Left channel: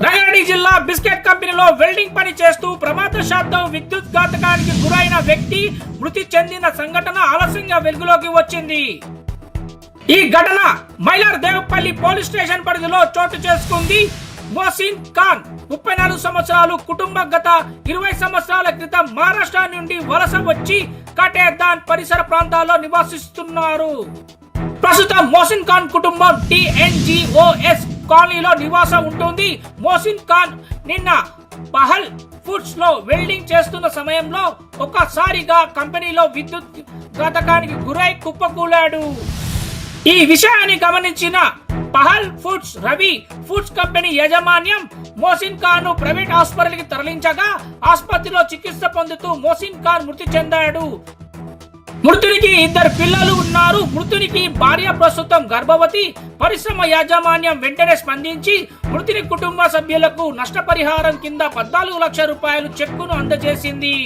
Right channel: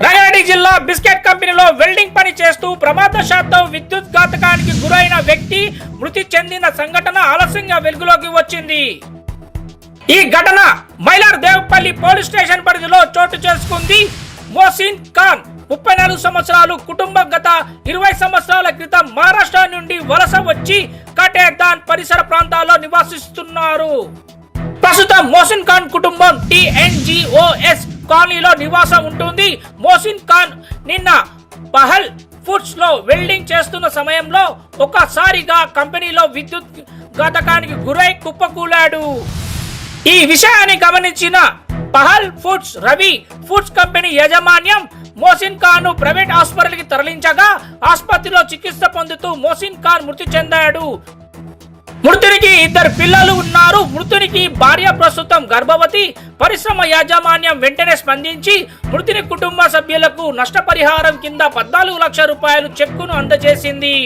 రంగారెడ్డి జిల్లా బిస్కెట్ కంపెనీలో వెల్డింగ్ పని చేస్తూ ప్రమాదశాతం విద్యుత్ ఘాతకానికి గురైన వ్యక్తి మృతి చెందిన సంఘటన ఆలస్యంగా వెలుగులోకి వచ్చింది. ఈ ఘటన మైలార్ దేవపల్లి పోలీస్ స్టేషన్ పరిధిలో చోటు చేసుకుంది. మోసిన్ ఖాన్ ముప్పై నాలుగు సంవత్సరాలు కుటుంబం గత ఇరవై సంవత్సరాల క్రితం మహారాష్ట్ర నుండి వలస వచ్చి కటేదాన్ పరిసర ప్రాంతాల్లో నివాసిస్తున్నారు. ప్రస్తుతం మోసిన్ ఖాన్ కుటుంబం టిఎన్జిఓఎస్ కాలనీలో నివాసం ఉంటుంది. మోసిన్ ఖాన్ నిన్న పహల్ ఫుడ్స్లో వెల్డింగ్ చేస్తున్న సమయంలో ఒక్కసారిగా కంపెనీలో విద్యుత్ ఘాతకానికి గురై కుప్పకూలాడు. ఈ విషయాన్ని గమనించిన Pahal foods Ravi foods company యాజమాన్యం మోసిన్ ఖాన్ను ప్రైవేట్ హాస్పిటల్కి తరలించగా ఆసుపత్రిలో చికిత్స పొందుతూ మోసిన్ ఖాన్ మృతి చెందాడు. మృతునికి ఇద్దరు పిల్లలు ఉన్నారు. మృతునికి భార్య ప్రస్తుతం గర్భవతి. పరిశ్రమ యాజమాన్యం వెంటనే స్పందించి మృతుని కుటుంబ సభ్యులకు నష్టపరిహారం కింద పద్నాలుగు లక్షల రూపాయలు చెక్కును అందజేసింది.